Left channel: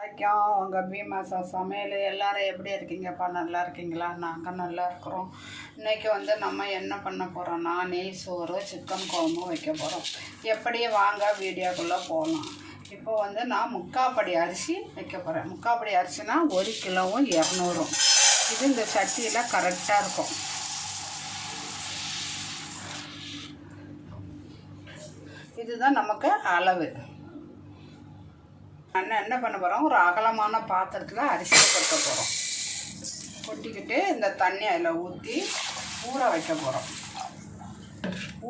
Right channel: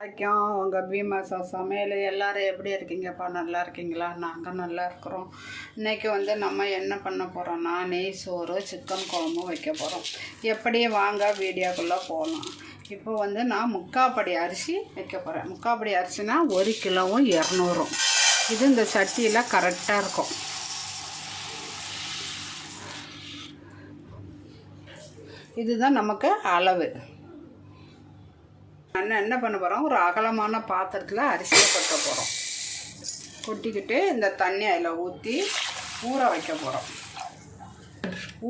வணக்கம். உங்கள் பீமாசா சமையல் எல்லோரும் எப்படி இருக்கீங்கப்பா? நல்லா இருக்கீங்களா? நாங்கள் நல்லா இருக்கிறோம். இன்றைக்கி நம்ம என்ன பண்ண போகிறோன்னா நெய் சோறு சிக்கன் குழம்பு வைக்க போகிறோம். எப்படியே வாங்க வீடியோக்குள்ளே போகலாம். இப்போ நான் முக்காப்படி அரிசி வைக்க போகிறேன். முக்காப்படி அரிசினா 1 கிலோவும் 200. இது இந்த சட்டியில் கரெக்டாக இருக்கும். இதுதான் நமக்கு அளவு. என்ன பண்ண போகிறோம், ஒரு அகலமான பாத்திரத்தில் அரிசியை கொட்ட போகிறோம். கொட்டிக்கிட்டு இந்த தண்ணி அதில் ஊற்றி ஊற வைக்க போகிறோம்.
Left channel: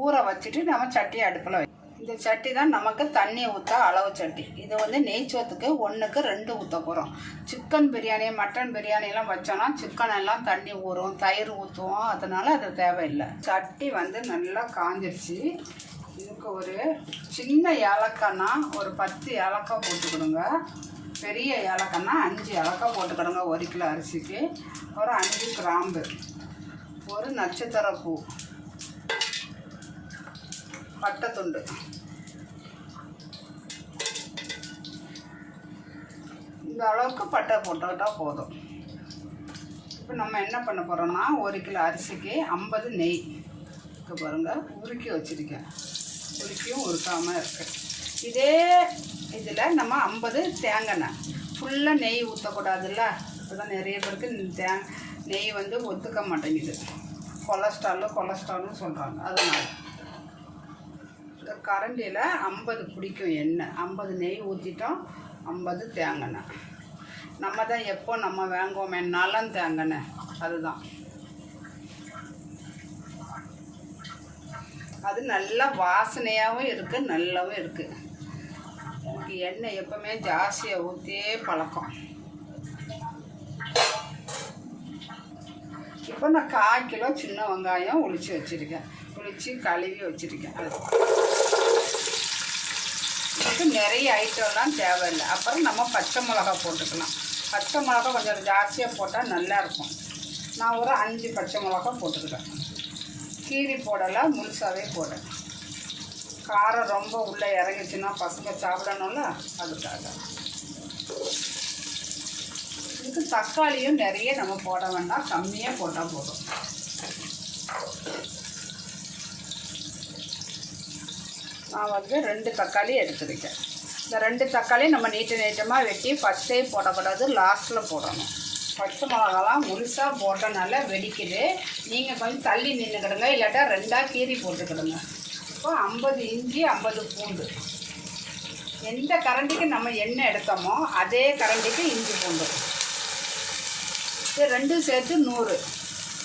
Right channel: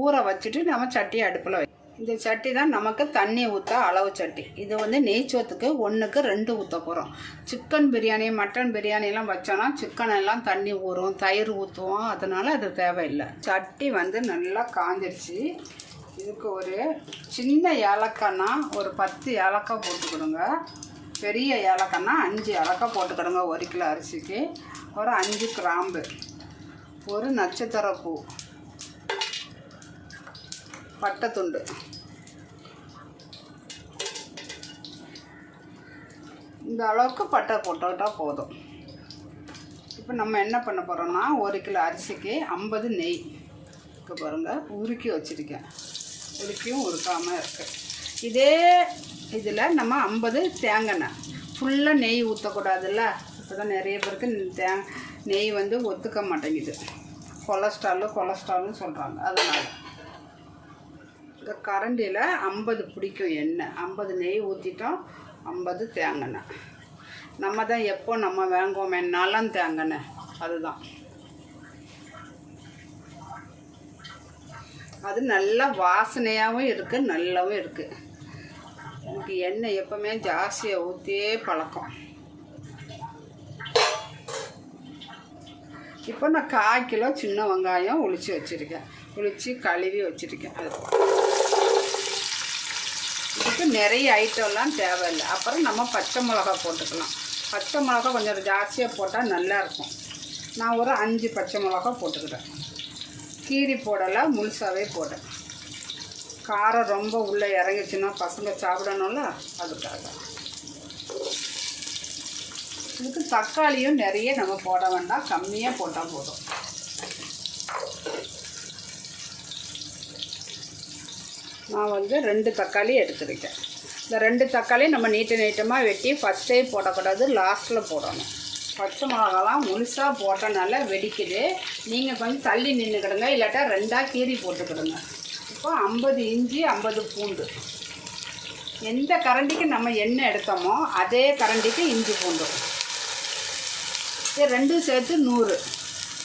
ஊற வச்சுட்டு நம்ம சட்டியை அடுப்பில் இந்த சட்டி தான் நமக்கு தண்ணி ஊற்ற அளவு சட்டி. இது நெய்ச்சோத்துக்கு 1க்கு 2 ஊற்ற போகிறோம். சிக்கன் பிரியாணி மட்டன் பிரியாணிலாம் வச்சோன்னா சிக்கன் எல்லாம் தண்ணி ஊறும், தயிர் ஊற்றுவோம். அதனால் அது தேவையில்லை. சட்டி நல்லா காஞ்சிடுச்சு. இதுக்கு ஒரு சின்ன ஏலக்காய்னா ஒரு 10 ஏலக்காய் போட்டுக்கிடுங்க. பெரிய ஏலக்காய்னா 5 ஏலக்காய் போட்டுக்கிடுங்க. 1 கிலோ அரிசிக்கு. ஒரு 5 கிராம்பு, ஒரு நட்சத்திர பூ, பட்டை துண்டு, இந்த அளவுக்கு பட்டை போட்டுக்கிட்டால் போதும். இப்போ நம்ம என்ன பண்ண போகிறோம்னா 1 கிலோ அரிசிக்கு 50 நெய் பாருங்கள் உருக்கி வச்சுருக்கேன். உருக்கியும் உருக்காமல் இருக்குது. இதே இதில் நம்ம 50 தேங்காய். ஃபுல்லாக நெய் ஊற்றக்கூடாதுல்ல. இப்போ தான் நிறைய பேருக்கு நெய் ஒத்துக்க மாட்டேங்குது. கொலஸ்ட்ரால்னு சொல்கிறாங்க. அதனால் இந்த கரண்டியில் 50 பிடிக்கும் எண்ணெய். 50 நெய் ஊற்றிட்டோம். 50 தேங்காய். நம்ம தான் எப்போ நம்ம வாங்குவோமே நலம் தேங்காய், அதுதான். அது நல்ல வாசனையாகவும் இருக்குது, நல்லாவும் இருக்குது. எனக்கு எண்ணெய் எப்போவுமே ஜாஸ்தியாக ஊற்றியே பழக்கம். இப்போ நான் 1/4 கிலோ சின்ன வெங்காயம் உளிச்சு வச்சுருக்கேன். உளிச்சு கழுவி வச்சுருக்கேன். இதுக்கு நிறைய ஐட்டம்லாம் தேவையில்லை. அப்புறம் நம்ம பச்சை மிளகா போட்டுக்கலாம். பச்சை மிளகா கொஞ்சம் ஜாஸ்தியாக போட்டால் நல்லாயிருக்கும். நான் ஒரு 5 பச்சை மிளகா போட்டுக்கிட்டேன். கீரி போடலை, முழுசாகவே போட்டேன். காரம் ரொம்ப உள்ளே இறங்கிச்சுன்னா பசங்க சாப்பிடணும்ல, அதுக்காக. இதுக்கு தக்காளியும் நிறைய நம்ம போட வேண்டாம், கம்மியாக போட்டால் போதும். நான் 2 தக்காளி எடுத்துருக்கேன். இந்த 2 தக்காளி நம்ம நீட்டமாக வெட்டி ஃபஸ்ட்டே போடக்கூடாது, லாஸ்ட்டில் போடணும். பச்சை மிளகாலாம் முழுசாக போட்டனால வெடிக்குது. நீங்கள் கொஞ்சம் தள்ளி நின்றுக்கிடுங்க, இல்லாட்டா 2ஆக கீரி போட்டுக்கிடுங்க. இப்போ 50 இஞ்சி, 50 பூண்டு. எந்த கரண்டிக்கு நம்ம எண்ணெய் எடுத்தோமோ அதே கரண்டிக்கு இஞ்சி பூண்டு. இது 2 சேர்த்து 100.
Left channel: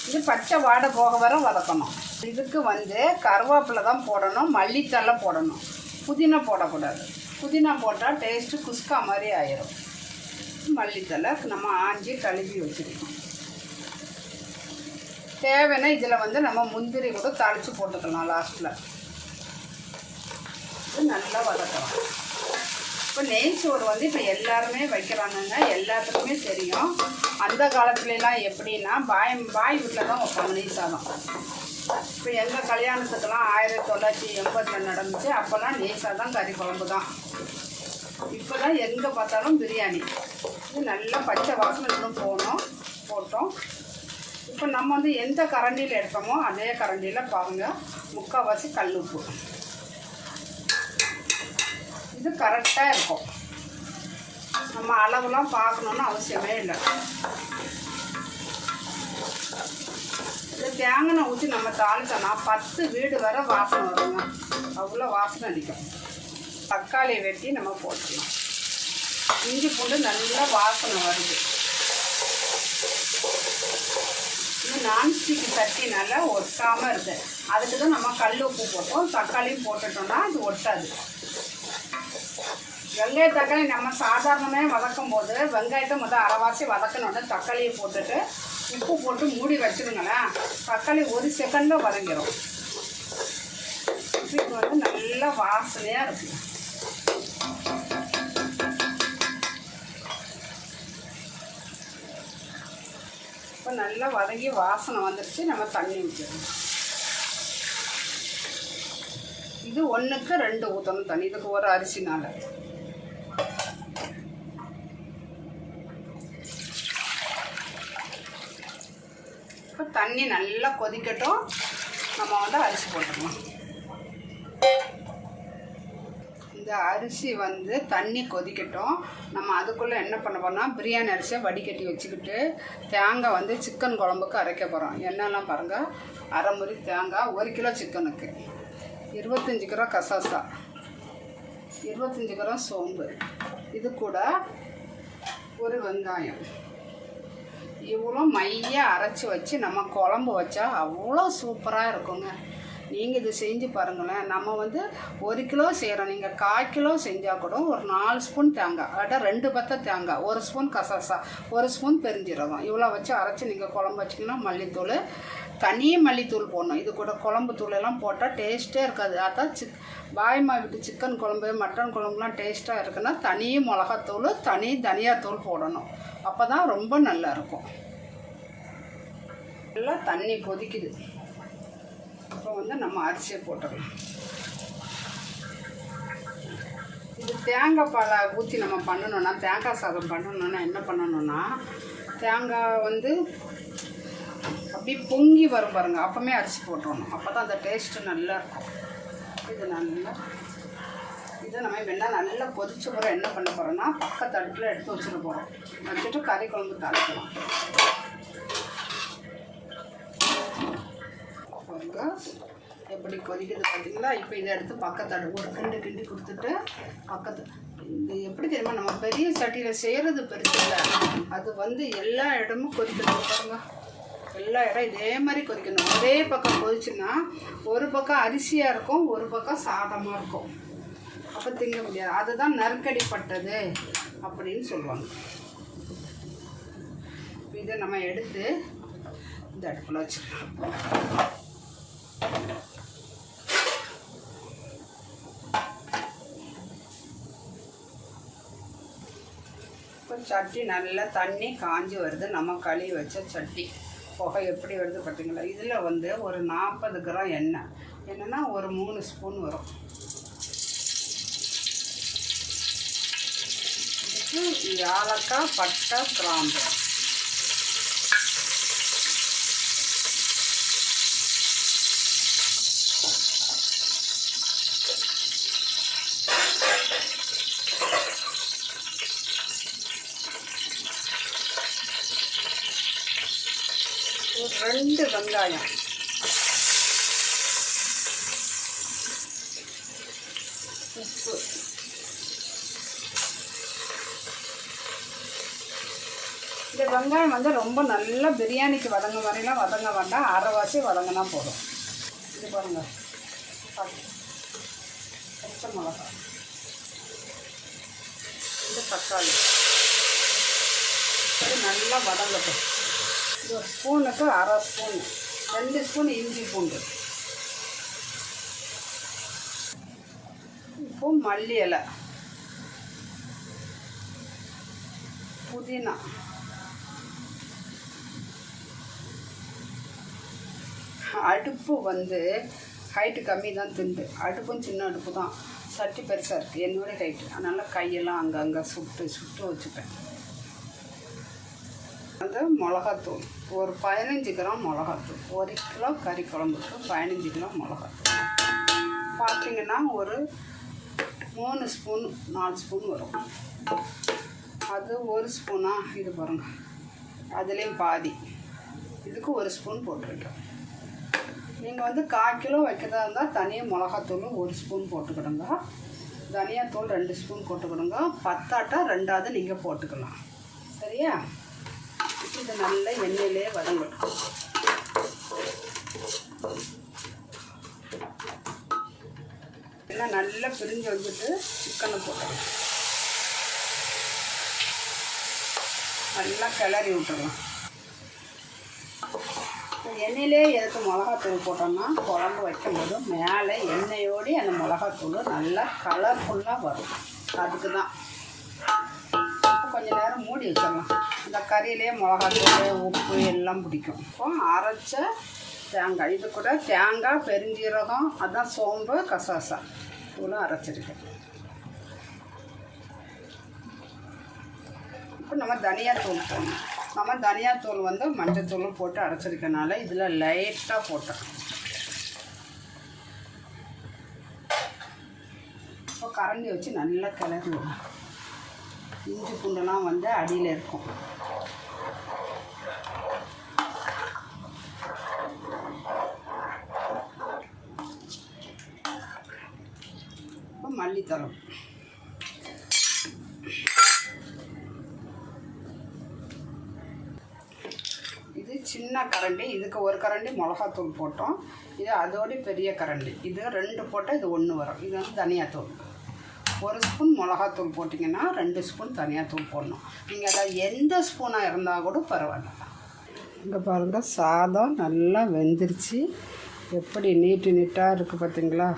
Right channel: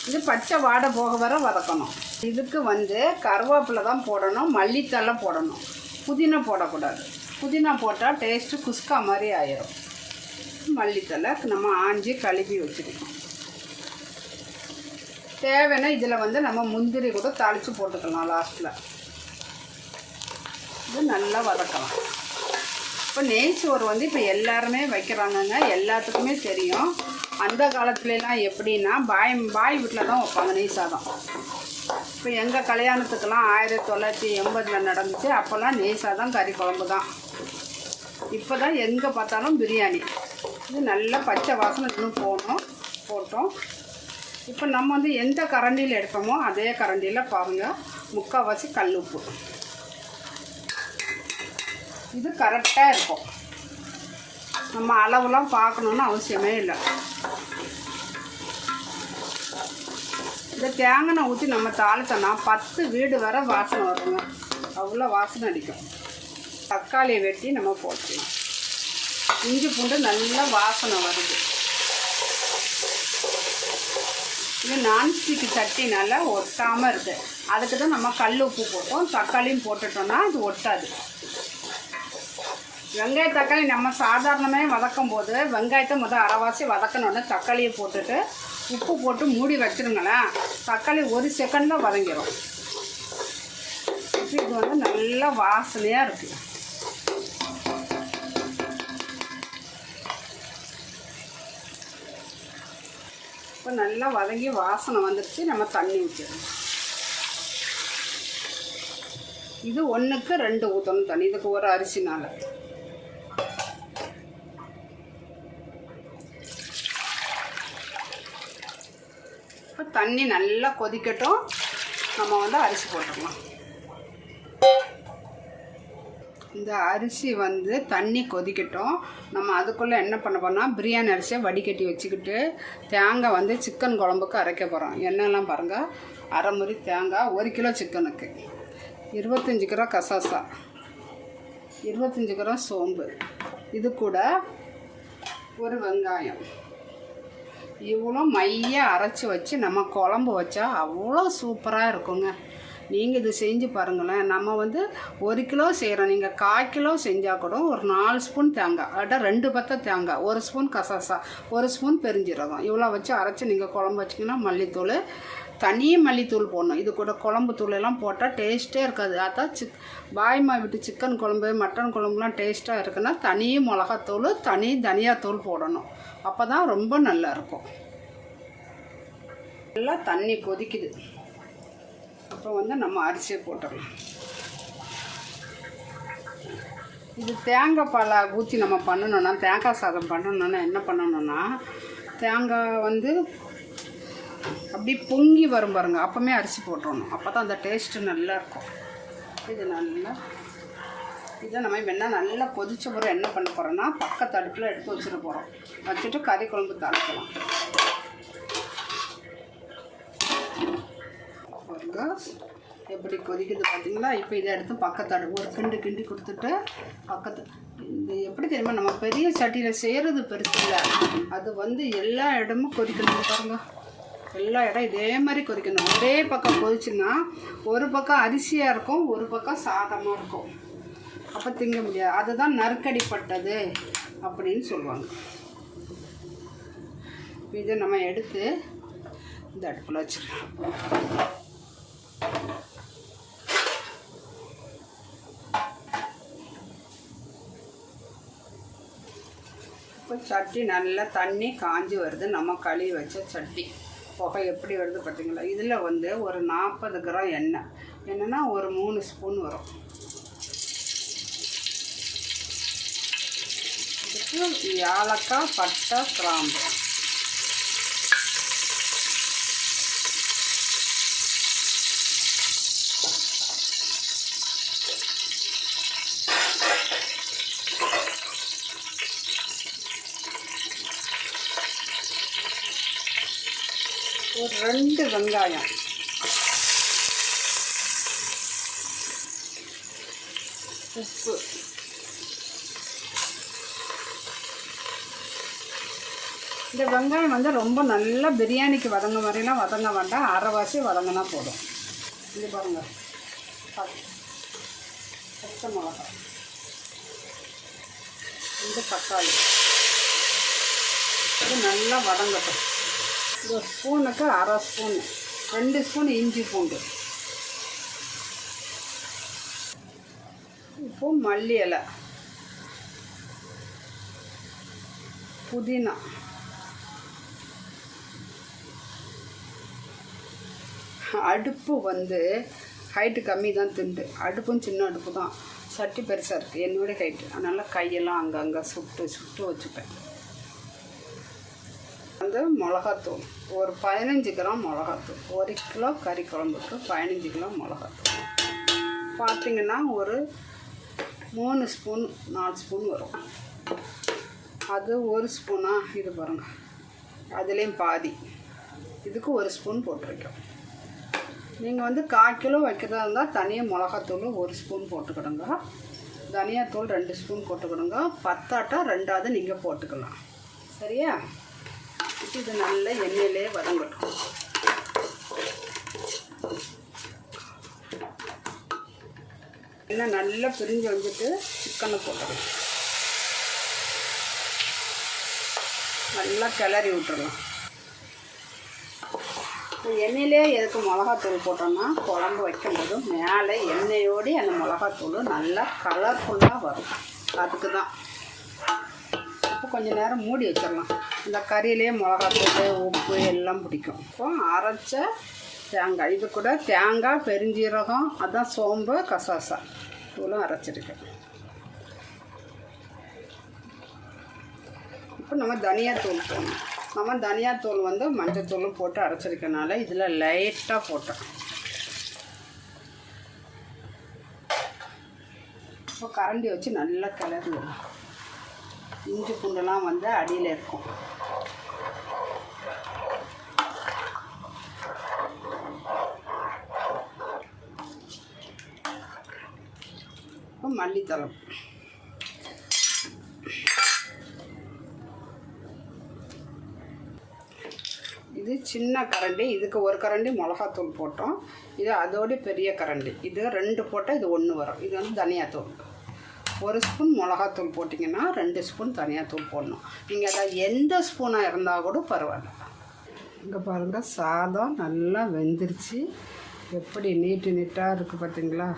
இது பச்சை வாடை போக வர வதக்கணும். இதுக்கு கருவேப்பிலை தான் போடணும், மல்லித்தலை போடணும். புதினா போடக்கூடாது. புதினா போட்டால் டேஸ்ட்டு குஸ்கா மாதிரி ஆயிரும். மல்லித்தலை நம்ம ஆஞ்சி கழுவி வச்சுருக்கோம். தேவைன்னா இதில் நம்ம முந்திரி கூட தாளித்து போட்டுக்கலாம் லாஸ்ட்டில். இது நல்லா வதக்கலாம். இப்போ நெய் சோறு இப்போ எல்லாருமே வைக்கிறாங்கங்க, எல்லாத்துக்குமே தெரியும். அந்த காலத்துலலாம் எப்படின்னா பாய் வீட்டில் தான் வைப்பாங்க நெய் சாதம். இப்போ எங்கள் கல்யாணத்துக்கெல்லாம் 1980 நடந்துச்சு. அப்போல்லாம் நெய் சாதம் கறி குழம்பு தான். இப்போ தான் எங்கே பார்த்தாலும் பிரியாணி. இது நல்லா பச்சை வாசனை இன்னும் போட்டோம். இப்போ நம்ம எந்த கரண்டியில் எடுத்தோமோ அதே கரண்டியில் பாருங்கள், முக்கால்வாசி கல் உப்பு. இது கரெக்டாக இருக்கும். நம்ம அளவுலாம் பார்க்கணுன்னு அவசியமே இல்லை. இந்த தேங்காய் ஊற்றி நம்ம தாளித்தோம்னா 10 வீடு வர வாசனை வருங்க. அவ்வளோ வாசனை அடிக்கும். தக்காளியை வெட்டி நம்ம போட்டுக்கலாம். இஞ்சி பூண்டு நல்லா வாசனை வருது. இது நான்ஸ்டிக்கு சட்டினால ஒட்டாமல் இருக்குது. அதுக்கு தான் நம்ம கல் உப்பு போட்டோம். தக்காளியும் போட்டுட்டோம்னா அது ஒட்டாது. வெங்காய தக்காளி நம்ம சாதாரணமாக வதக்கும் போது வெங்காயத்தை அரைவாசி வதக்கணுன்னு தக்காளியை போட்டுட்டு உப்பு போட்டு மூடி வச்சுருங்களேன். தக்காளி 1 செகண்டில் வதங்கிடும். இது நல்லா வாசனையாக இருக்குது. இப்போ நல்லா வதங்கி வாசனை வந்துடுச்சு. நம்ம தண்ணி ஊற்றிடணும். இது 1க்கு 2 ஊற்றணும் தண்ணி. இதுக்கு ஒரு அரிசினால் தண்ணி நல்லா கொதிக்கட்டும். நம்ம வந்து அரிசி போட்டுக்கலாம். இந்த அரிசி வந்து தண்ணி கொதிக்கட்டும். நம்ம அதுக்குள்ளே என்ன பண்ண போறோம்னா பிரியாணி அரிசியை வடிகட்டி வச்சுக்கிட்டு தேங்காய் வந்து சிக்கன் குழம்புக்கு அரைக்க போகிறோம். என்னெல்லாம் பாருங்கள், அரை முறி தேங்காய், 1 கிலோ சிக்கனுக்கு 25 கிராம் கசாசா, 25 கிராம் சோம்பு, இது கூட ஒரு வெங்காயம், இவ்வளோ மைய அரைச்சி வச்சு நம்ம குழம்பு வச்சா அவ்வளோ சூப்பராக இருக்குங்க. நீங்கள் இது செஞ்சு பாருங்களேன். நம்ம வந்து 1 கிலோ செய்கிறோம், நீங்கள் 1/4 கிலோ செஞ்சால் கூட ஒரு 4 ஸ்பூன் தேங்காய், அட 2 பத்த தேங்காய், 1 ஸ்பூன் கசாசா, 1 ஸ்பூன் பெருஞ்சீரகம், இவ்வளோ வச்சு அரைச்சி நீங்கள் குழம்பு வச்சிங்கன்னா மல்லித்தூள், தனி மல்லித்தூள் போடணும். இது கூட குழம்பு தூளெல்லாம் போட்டால் டேஸ்ட்டே இருக்காது. அதான் பாய்மா விட்டு சிக்கன் குழம்பு மட்டன் குழம்புலாம் டேஸ்ட்டாக இருக்குன்னா தனி மிளகாத்தூள், தனி தனியாத்தூள் போடணும். அப்போ தான் ரொம்ப நல்லாயிருக்கும். நல்லா தண்ணி கொதிக்குது. இப்போ வந்து நம்ம அரிசியை போட்டுடலாம். இது தேங்காய் பாலை ஊற்றி நம்ம பண்ணணுன்னா, தேங்காய் சாதம் பண்ணணுன்னா என்ன பண்ணணுன்னா, தேங்காய் வந்து அப்படி பொங்கி வரும் பாருங்க, அப்போமே அரிசி போட்டுடணும். அப்போ தான் அந்த டேஸ்ட்டு நல்லா இருக்கும். இது நல்லா இதை நம்ம வேணால் நல்லா கொதிச்ச பிறகு என்ன பண்ண போகிறோன்னா பக்கத்து அடுப்பில் எடுத்து வச்சுட்டு போகிறோம். வச்சுட்டு கறி குழம்பு தாளிக்கலாம். எப்படி கொதிக்குது பார்த்தீங்களா? இப்போ இதை எடுத்து பக்கத்து அடுப்பு ஒரு கிண்டி கொடுத்துட்டு பக்கத்து இந்த எப்படி தெரியுமா, நம்ம பெரிய சட்டியில் செய்கிறது பெருசு இல்லை, அது வந்து எல்லா இடமும் கொதிக்கணும் பாருங்க. எல்லா இடம் இதே மாதிரி கொதிக்கணும். ஒரே பக்கம் கொதிச்சுன்னா ஒரு பக்கம் அரிசியாக இருக்கும், ஒரு பக்கம் சாதமாக இருக்கும். அப்போ திங்க முடியாது. அதுதான் நறுக்கடிப்பட்டது அப்படின்னு சொல்லுவாங்க. இதை நம்ம எடுத்து இந்த அடுப்பில் வச்சுக்கலாம். இப்போ சட்டி நல்லா தண்ணி காஞ்சி வருது. நம்ம கழுவி வச்ச சட்டி புகை எப்படி வருது பார்த்தீங்களா? இதில் வந்து ஒரு 40 கிராம் எண்ணெய், என்னென்னா ஒரு 3 ஸ்பூன் வரும். ஏலக்காய், பட்டை, கிராம்பு, ஒரு 2 வெங்காயம், உப்பு, இந்த வெங்காயம் வந்து ரொம்ப நல்லா பிரியாணிக்கு வதங்க வரையினா வதங்க வேண்டாம், அரைவாசி வதங்கினா போதும். இது பாருங்க, பச்சை மிளகாய், இந்த தக்காளி, இது நல்லா வதங்கட்டும். இது ஒரு ஸ்பூனுக்கு அரை ஸ்பூன், 2 ஸ்பூன் இஞ்சி பூண்டு, இப்போ மல்லி இலை, புதினா, அடுப்பு வந்து ஹைட்டு கம்மி தான், திண்டு அடுப்பும் சின்ன அடுப்பு தான், சட்டி பெருசாக இருக்குது, என்னோட ஹைட்டு, அதனால் கையெல்லாம் அங்கங்கே சுட்டு வச்சுப்பேன். வந்து மிளகாத்தூள் ஒரு 15 கிராம் மிளகாத்தூள், 1 கிலோ கறி குழம்புக்கு 15 கிலோ மிளகாத்தூள் பார்த்திங்கன்னா ஒரு 3 ஸ்பூன் 4 ஸ்பூன் வரும். அது 1 ஸ்பூனா, இது பாருங்கள், அதுலேயும் பாதி, இதுக்கு 1 ஸ்பூன் போட்டிருக்கேன். நீங்கள் வந்து 1/4 கிலோ வைக்கிறதா இருந்தால் தனியாக மிளகாத்தூள் 1 ஸ்பூன் போட்டுக்கிடுங்க, தனியாத்தூள் 2 ஸ்பூன் போட்டுக்கிடுங்க, பத்தாட்டா 2ஆவது நீங்கள் போட்டுக்கலாம். சரியா? இது நல்ல எண்ணெயிலே வதங்கட்டும். எண்ணெய் நல்லா பிரிஞ்சு வந்துட்டு சிக்கனை போட்டுடலாம், நல்லா கிளறி விட்டுடலாம். எண்ணெயிலே எதுக்கு மிளகாத்தூள் போட்டோம்னா குழம்பு வைக்கும்போது மேலே எண்ணெயோடு அந்த மிளகாத்தூள் நல்லா கலர்ஃபுல்லாக வரும். அதுக்கு தான் கொஞ்சம் நேரம் மூடி வச்சிடலாம். இந்த கறியிலே மிளகாத்தூள் உப்பு எல்லாம் பிடிக்கும். இப்போ அரைச்ச தேங்காய், இது கூட தேங்காய், பெருஞ்சீரகம், அதான் சோம்பு, கசாசா இவ்வளோ அரைச்சிருக்கேன். இப்போ நம்ம தனியாத்தூள் போடணும். நம்ம தனியாத்தூள் வந்து மஞ்சத்தூள் போட்டு அரைச்சிருக்கனால இதில் லைட்டாக போட்டோம். இப்போ கரண்டி வச்சு நல்லா கிளறுவோம். இஞ்சி பூண்டுலாம் வந்து அடியில் இருக்கும். இப்போ மல்லித்தழை, இது சின்ன கரண்டி, இதுக்கு ஒரு கரண்டி மிளகாத்தூள் போட்டோம். இது அதோட பெரிய கரண்டி, இது 2 போட்டால் இது 1 வரும். இது வந்து தனியாத்தூள். 1 ஸ்பூன் மிளகாத்தூள் போட்டிங்கன்னா 2 ஸ்பூன் தனியாத்தூள் போடணும். நீங்கள் அதில் எந்த ஸ்பூனாக இருந்தால் கூட பரவாயில்ல. இங்கே பாருங்கள், சாதம் நல்லா வெந்துருச்சு. எப்படி நீட்டாக இருக்குது பார்த்தீங்களா?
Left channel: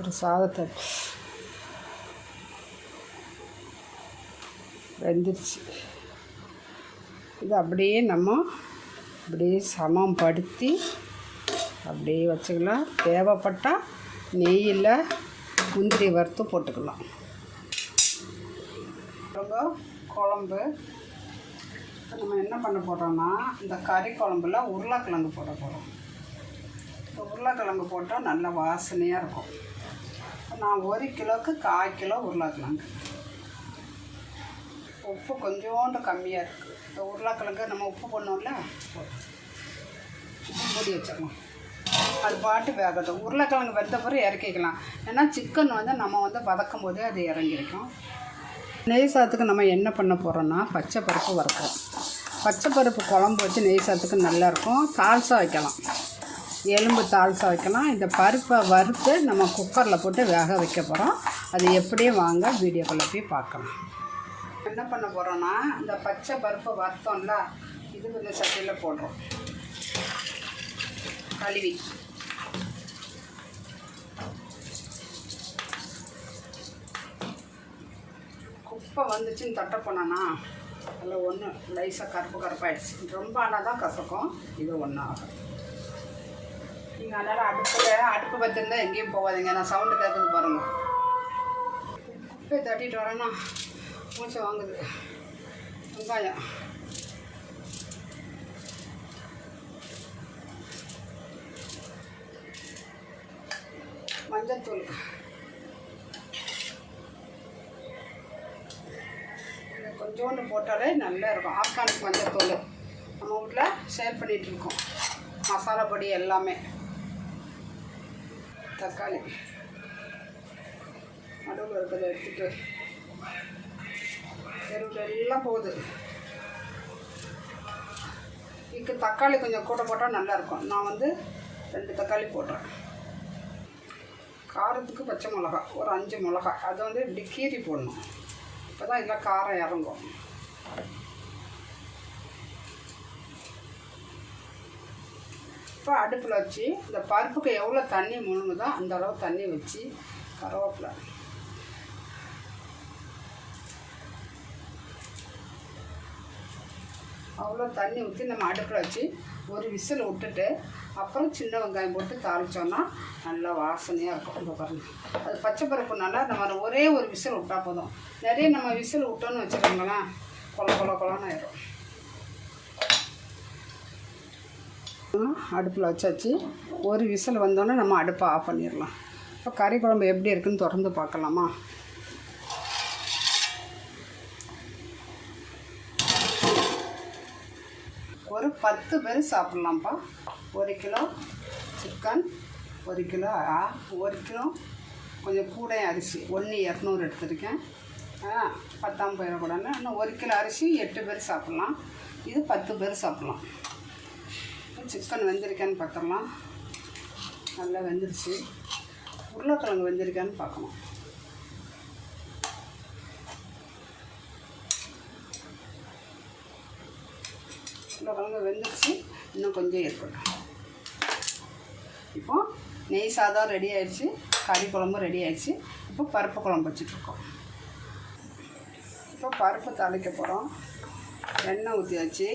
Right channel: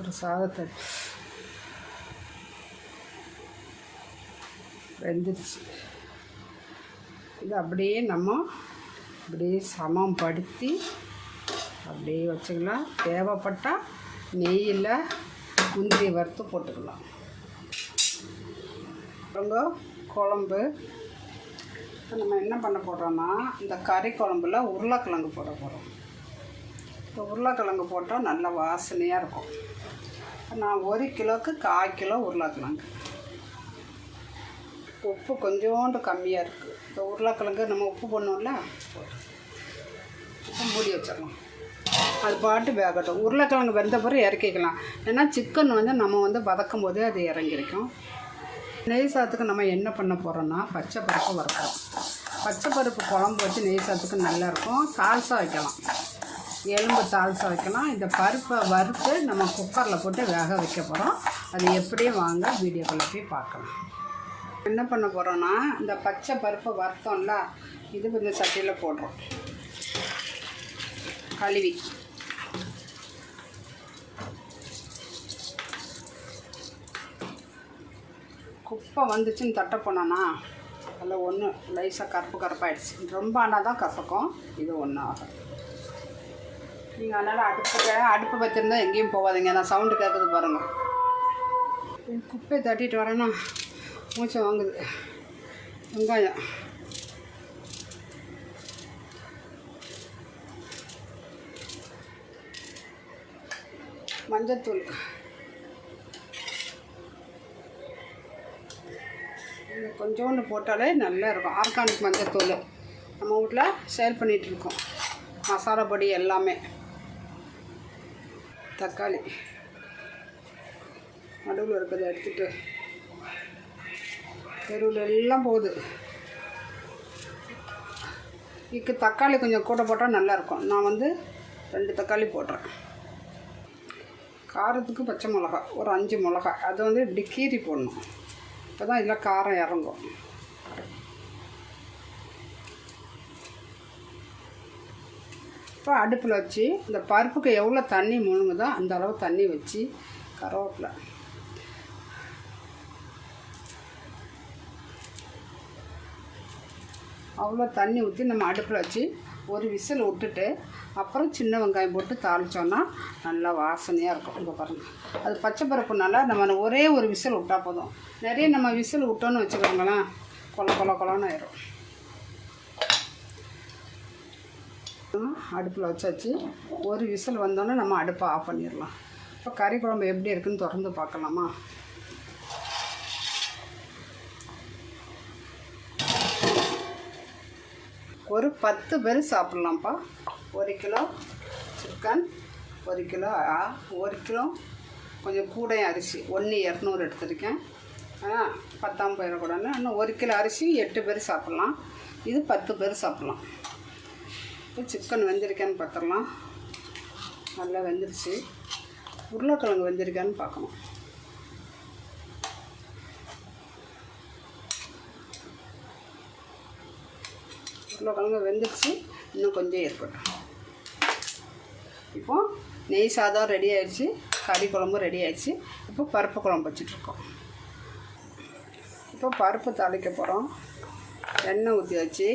ஒரு சாதத்தை வெந்துருச்சு. இது அப்படியே நம்ம அப்படியே சமம் படுத்தி அப்படியே வச்சுக்கலாம். தேவைப்பட்டால் நெய்யில் முந்திரி வறுத்து போட்டுக்கலாம். குழம்பு நம்ம என்ன பண்ண போகிறோம்னா, இந்த கறி குழம்புல உருளைக்கிழங்கு போட போகிறோம். இப்போ உருளைக்கிழங்கு போட்டால் நல்ல வாசனையாக இருக்கும். நான் 1 கிலோவுக்கு 1/4 கிலோ உருளைக்கிழங்கு. உப்பு கொஞ்சோண்டு கம்மியாக இருக்குது. இப்போ உருளைக்கிழங்கு நம்ம உப்பு போடணும்ல, உப்பு மூடி வச்சிடலாம். அது பாட்டு வேகட்டும். உருளைக்கிழங்கு வெந்த பிறகு இறக்கிக்கலாம். ஏன்னா சிக்கன் வந்து நம்ம வந்து வதக்கும் போதே அது இறங்கிருக்கும். நெய் சாதத்துக்கு நம்ம என்ன பண்ண போகிறோன்னா, பச்சை பருப்பு வறுக்கிறோம். பச்சை பருப்பு குழம்பு வச்சு நெய் சாதத்துக்கு நல்லாயிருக்கும். தால்சா வைக்கலாம், எலும்பு தால்சா வைக்கலாம். இந்த பருப்பை வறுத்து நம்ம குக்கரில் போட்டு வேக வைக்க போகிறோம். அது எப்படியே வாங்க வீடியோக்குள்ளே போய் பார்க்கலாம். என்ன பண்ண போகிறோன்னா, இந்த பச்சை பருப்பு வறுத்தோம்ல, இது இந்த சட்டியில் போடுறோம். கழுவி குப்பை வந்துச்சுன்னு தட்ட போனோன்னா அதில் ஒன்று லைஸாக கருப்பாகிடுச்சு. ரொம்ப ஆனால் தான் கசக்கும். இது ஒன்றும் ஆகும். நீங்கள் அதனால் அடுப்பு பற்றிருந்தா எங்கேயும் போகாதீங்க. நான் சவுண்டு கேட்குது பாருங்கள். குப்பையை தட்டிட்டு வரேன்னா மூச்சை வாங்குது. வெங்காயம், மஞ்சத்தூள், கொஞ்சோண்டு போட்டாலே நல்லா இருக்கும். ஆர்கானிக் மஞ்சத்தூள் நம்ம வீட்டில் சேல் பண்ணிகிட்ருக்கோம். மசாலா பொடி எல்லாமே. தக்காளி நடுவில் இருக்கிறத எடுத்துகிட்டு தெருவில் எல்லாம் போகுது. இதுக்கு தக்காளி கொஞ்சம் கூட போட்டால் நல்லாயிருக்கும். நான் வந்து 2 தக்காளி போடுறேன். காரத்துக்கு பச்சை மிளகா ஒரு 5 மிளகா, அதை வந்து இப்படி கீரி போடணும். இப்போ தான் இதெல்லாம் காரம் இறங்கும். இப்போ அடுப்பில் வச்சு இந்த பருப்புக்கு எவ்வளோ தண்ணி முழுங்குதோ அந்த அளவு தண்ணி வச்சு, கருவேப்பிலை, அவ்வளோ தண்ணி ஊற்றி நம்ம அடுப்பில் வச்சு ஒரு விசில் விட்டுட்டு அப்புறம் சின்ன வெங்காயம் போட்டு தாளித்தோன்னா நல்லா வாசனையாக இருக்கும். இப்போ பாருங்கள், அது பச்சை பருப்புனால நம்ம ஒரே ஒரு விசில் விட்டால் போதும். நிறைய நம்ம விசில் விட்டோன்னு வச்சுக்கோங்களேன், கொலன்னு ஆயிடும். அடுப்பில் வச்சாச்சு. ஒரு விசில் வந்தோன்னே நம்ம அடுப்பை ஆஃப் பண்ணிடலாம். இப்போ கறி குழம்பு எப்படி இருக்குன்னு திறந்து பார்க்கலாமா? ஒரு 10 பேர் சாப்பிட்லாம்ப்பா. 1 கிலோ சிக்கன், 1 கிலோ 1 கிலோ கொஞ்சம் கூட அரிசி 1,200 எடுத்துருக்கேன். 10 போயிடக்கூடாது. இன்னும் 1 கிலோ அரிசி 8 பேர் சாப்பிட்லாம். இது 10 பேர் சாப்பிட்லாம். இப்போ சிக்கன் வெந்திருக்கான்னு பார்த்துடலாம். நல்லா வெந்துருச்சு. உருளைக்கிழங்கு வெந்திருக்கான்னு பார்க்கணும். உருளைக்கிழங்கு வெந்துருச்சு. இன்னும் கொஞ்சம் இருக்கட்டும். இப்போ நெய் சாதம் ரெடி ஆகிடுச்சு, கறி குழம்பு ரெடி ஆகிடுச்சு. இப்போ பருப்பு குழம்பு வச்சுட்ருக்கோம். இப்போ பருப்பு தாளிக்க போகிறோம். எண்ணெய் ஊற்றி வச்சு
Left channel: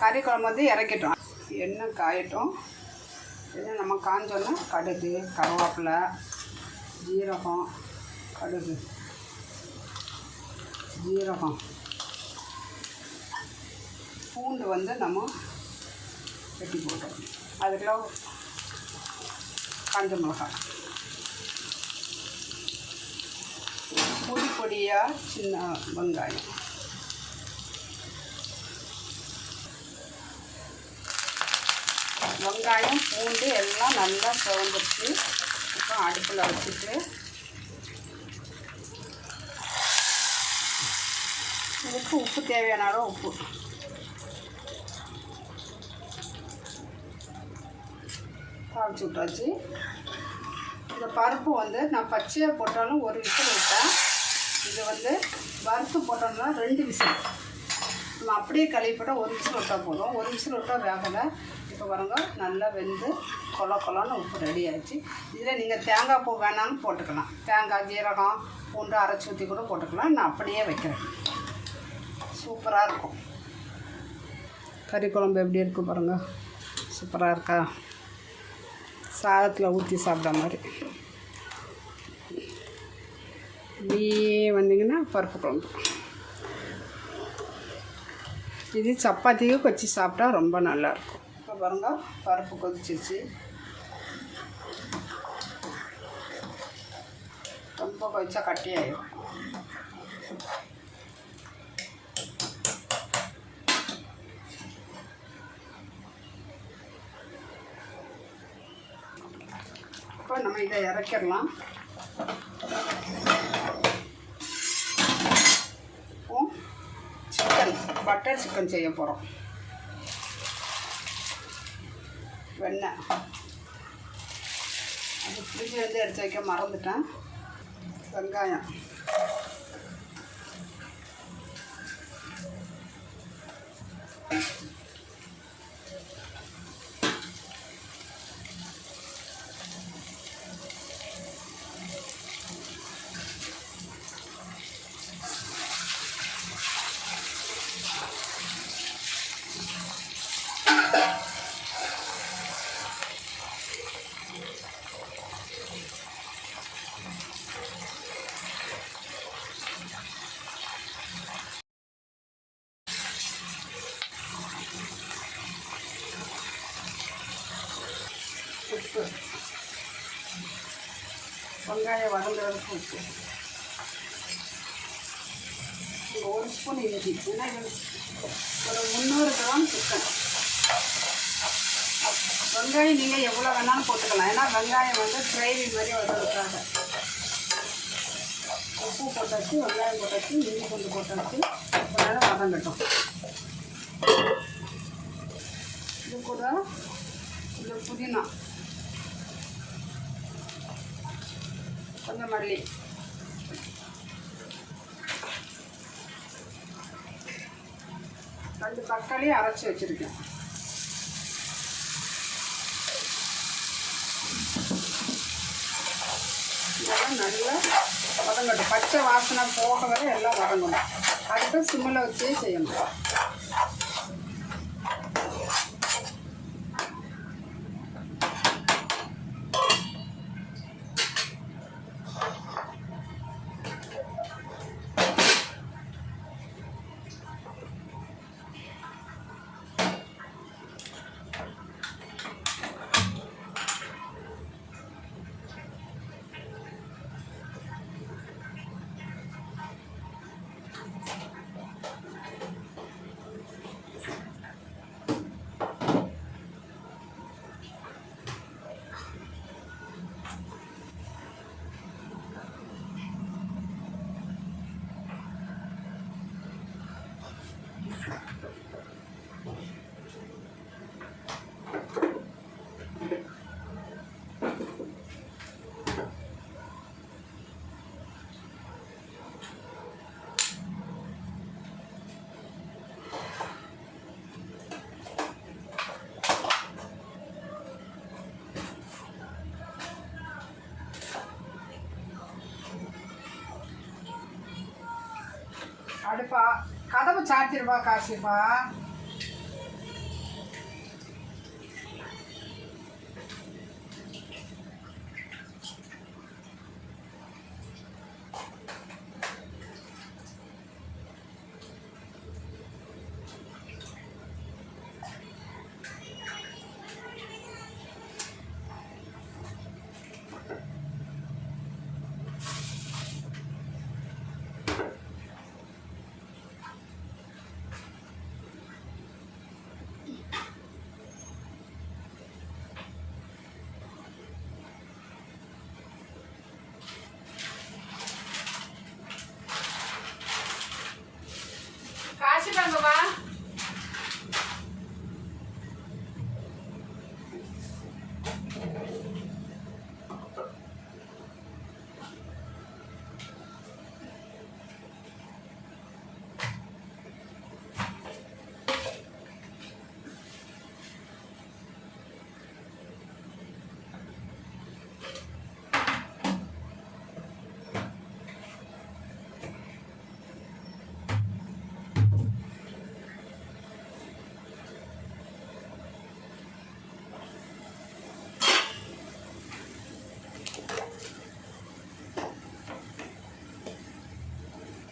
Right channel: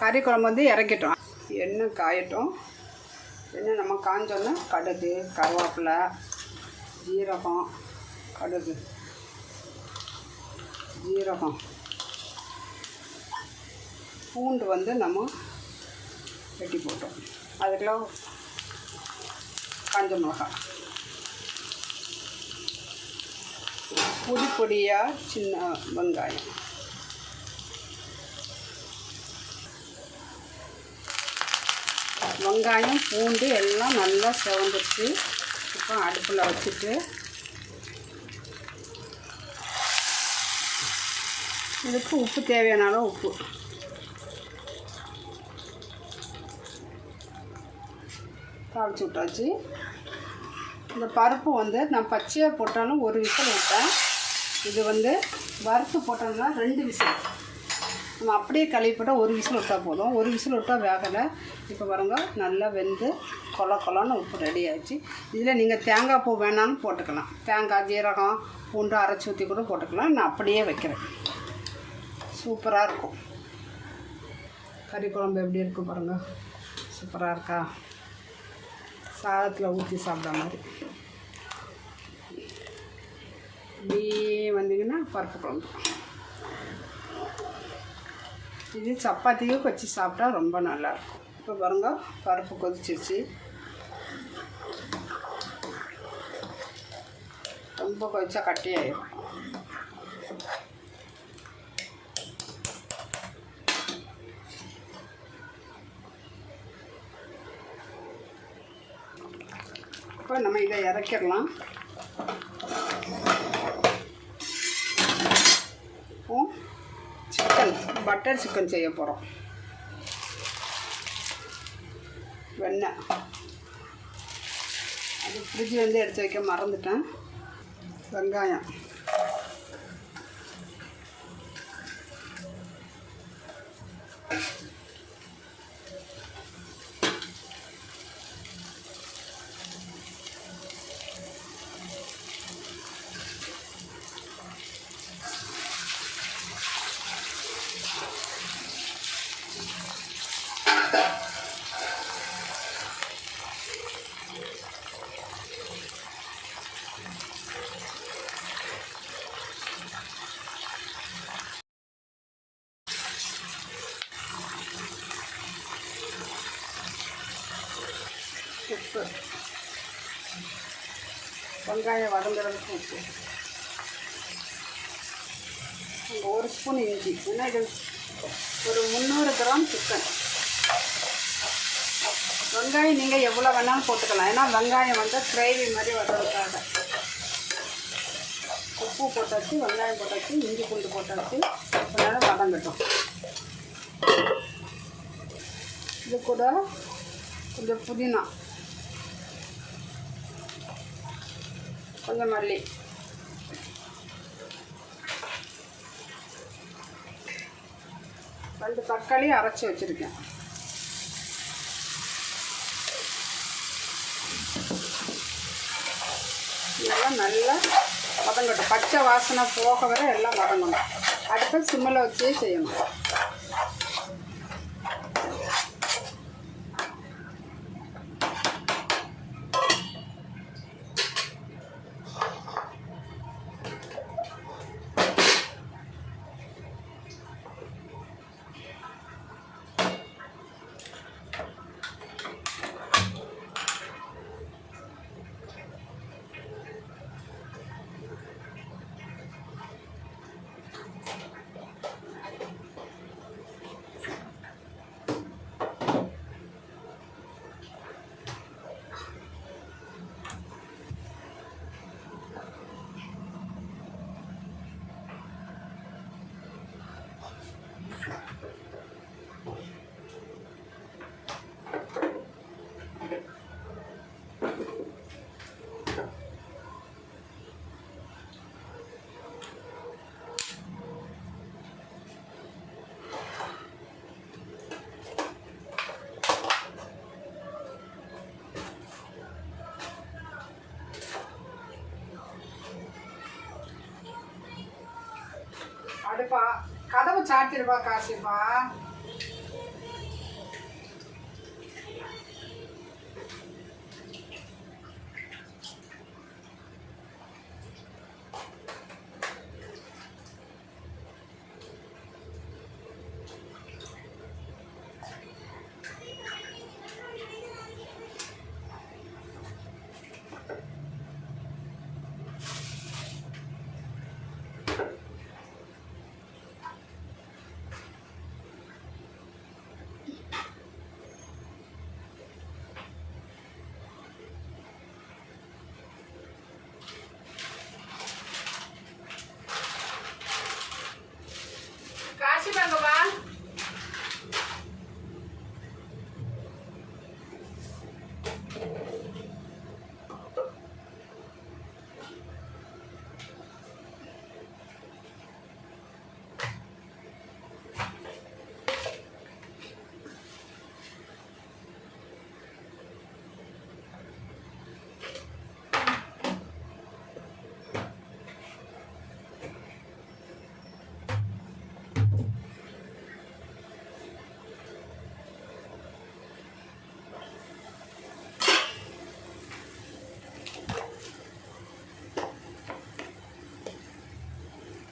கறி குழம்பு வந்து இறக்கிட்டோம். எண்ணெய் காயட்டும். எண்ணெய் நம்ம காஞ்சோன்னா கடுகு, கருவேப்பிலை, ஜீரகம், கடுகு, ஜீரகம், பூண்டு வந்து நம்ம வெட்டி போட்டோம். அதுக்குள்ள காஞ்ச மிளகாய், பொடி பொடியாக சின்ன வெங்காயம், வெங்காயம் பூண்டு எல்லாம் நல்லா சிவந்துருச்சு. இப்போ அடுப்பில் வச்சுட்டு இதுக்கு உப்பு தேவையான அளவு உப்பு, தாளிச்சு விட்டாச்சு. இந்த பருப்பு வந்து நான் பச்சையாக போட்டாலும் ஒரு விசில் விட்டேன். இது வந்து வறுத்து போட்டோம்னா 2 விசில். நம்ம அப்படியே கழுவி போட்டால் ஒரு விசில் விட்டால் போதும். ஒரு விசில் விட்டால் வேகலை. இப்போ பாருங்க நல்லா வெந்து கொலன்னு உப்பு ரெடி ஆச்சு. இதில் நீங்கள் தேங்காய் பூ வேணாலும் போட்டுக்கலாம். தேங்காய், ஜீரகம், பூண்டு அரைச்சி ஊற்றி கூட போட்டுக்கலாம். நான் அப்படியே வைக்கிறேன். சூப்பராக இருக்கும். கறி குழம்பு எப்படி இருக்குது பாருங்கள். சூப்பராக இருக்கா? சாதத்தில் ஊற்றி சாப்பிட்ற மாதிரி. இப்படியே வந்தீங்கன்னா பருப்பு குழம்பு. இது சப்பாத்தியும் வச்சு சாப்பிட்டா ரொம்ப நல்லாயிருக்கும். இப்போ பாருங்கள் பருப்பு கொதிச்சிருச்சு. ரொம்ப கொதிச்சா கட்டியாயிடும். இப்போ நம்ம இதை இறக்கிடலாம். சிக்கன், பட்டர் சிக்கன் செய்ய போகிறோம். வெண்ணெய் அது ஃப்ரிட்ஜிலேருந்து எடுத்து வைக்க மறந்துட்டேன். வெங்காயம், உப்பு, வெங்காயம் வதங்குறதுக்கு உப்பு, 1 ஸ்பூன் இஞ்சி. ஏன்னா இது ஒரு 300 கிராம் சிக்கன். வெங்காயம் நீங்கள் எவ்வளோ வேணாலும் போட்டுக்கலாம். ஏன்னா வெங்காயம் வந்து கிரேவி மாதிரி வதங்கிறதுக்காக. உப்பு போட்டாச்சு, வெங்காயம் போட்டாச்சு, இஞ்சி பூண்டு போட்டாச்சு. நேரம் வதங்கட்டும். இது கூட கொஞ்சம் புதினா, கொஞ்சம் மல்லி, ரெண்டு தக்காளி அரைச்சி வச்சுருக்கேன். இதெல்லாம் நல்லா வதங்கட்டும். பச்சை வாசனை போக வரை எல்லாம் வதங்கணும். அடுத்து சிம்மில் வச்சே செய்யணும். அடுப்பா கதவு சாத்திருப்பா காசிப்பா.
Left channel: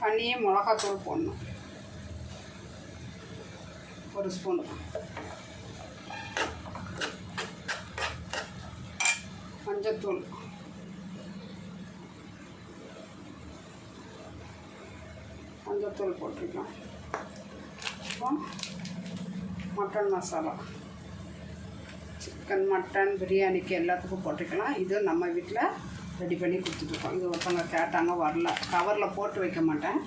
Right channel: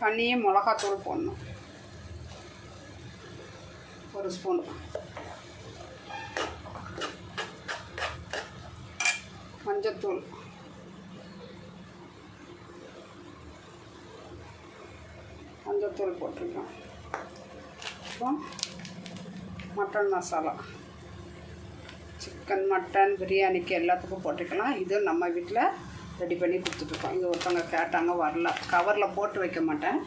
தனியாக மிளகாத்தூள் போடணும், 1 ஸ்பூன். மஞ்சத்தூள், மஞ்சத்தூள் போட்டுக்கலாம். அப்புறம் மட்டன் மசாலா, சிக்கன் மட்டன் பிரியாணிக்கு எல்லாத்துக்கும் போட்டுக்கலாம். இது நம்ம வீட்டில் ரெடி பண்ணி கொடுத்துட்ருக்கோம். இது ஒருத்தவங்க கேட்டாங்க, வரல. கவரில் போட்டு வைக்க மாட்டேன்,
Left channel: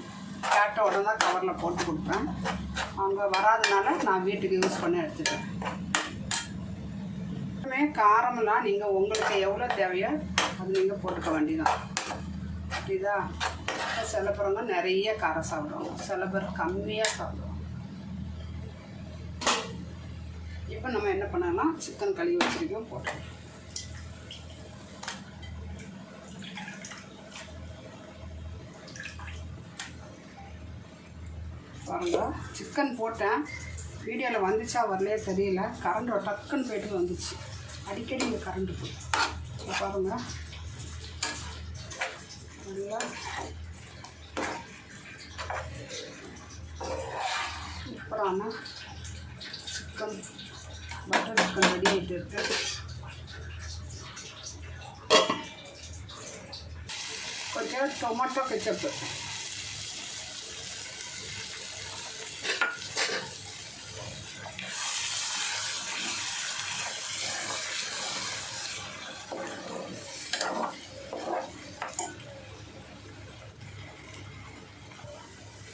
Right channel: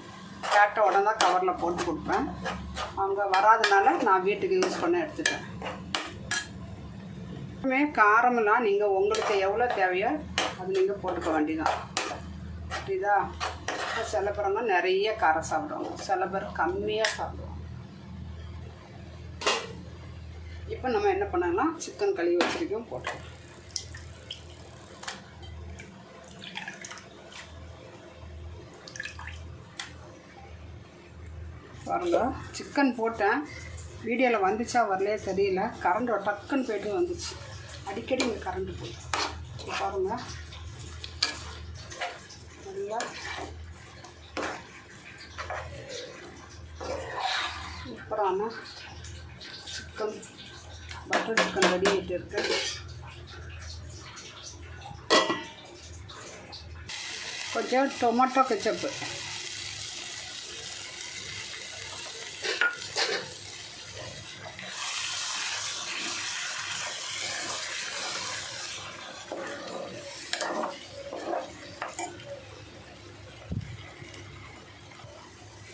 கேட்ட உடனே தான் கவரில் போட்டு கொடுப்பேன். அவங்க வராதனால நான் வீட்டுக்கு யூஸ் பண்ண எடுத்துட்டேன். காரமெல்லாம் நீங்கள் உங்களுக்கு எவ்வளோ தேவையோ அது நீங்கள் போட்டுக்க வேண்டியதான். புரியுதா? சில பேருங்க நிறைய காரம் சாப்பிடுவோம், சில பேர் கம்மியாக சாப்பிடுவோம். இப்போ நம்ம என்ன பண்ணலாம், சிக்கன் கழுவி வச்சிருக்கோம் போட்டோம். பாருங்க, சிக்கன் போட்டேன். வீடியோவில் வந்துச்சா வரலையே தெரியல, கரண்ட் டக்குன்னு போய்ட்டு வந்துச்சு. அடிக்கடி இந்த கரண்ட்டு போய் பாருங்க. நல்லா சூப்பரான சிக்கன், பட்டர் சிக்கன் ரெடி ஆகிட்டு இருக்கு. கொஞ்சம் டொமேட்டோ கெச்சப்பு,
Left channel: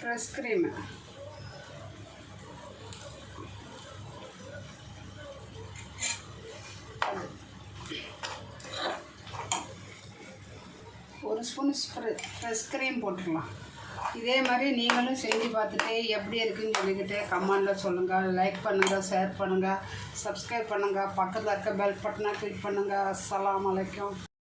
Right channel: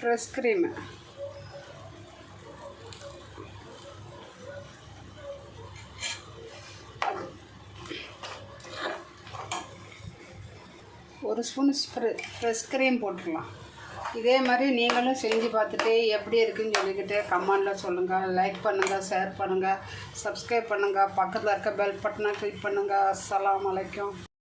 ஃப்ரெஷ் க்ரீமு, ஒரு ஸ்பூன் ஃப்ரெஷ் க்ரீம் போட்டுக்கலாம். இதே மாதிரி நீங்களும் செஞ்சு பார்த்துட்டு எப்படி இருக்குன்னு சொல்லிக்கிட்டு கமெண்டில் சொல்லுங்கள். லைக் பண்ணுங்கள், ஷேர் பண்ணுங்கள், சப்ஸ்கிரைப் பண்ணுங்கள், பக்கத்தில் இருக்க பெல் பட்டனை கிளிக் பண்ணுங்கள். அஸ்ஸலாமு அலைக்கும்.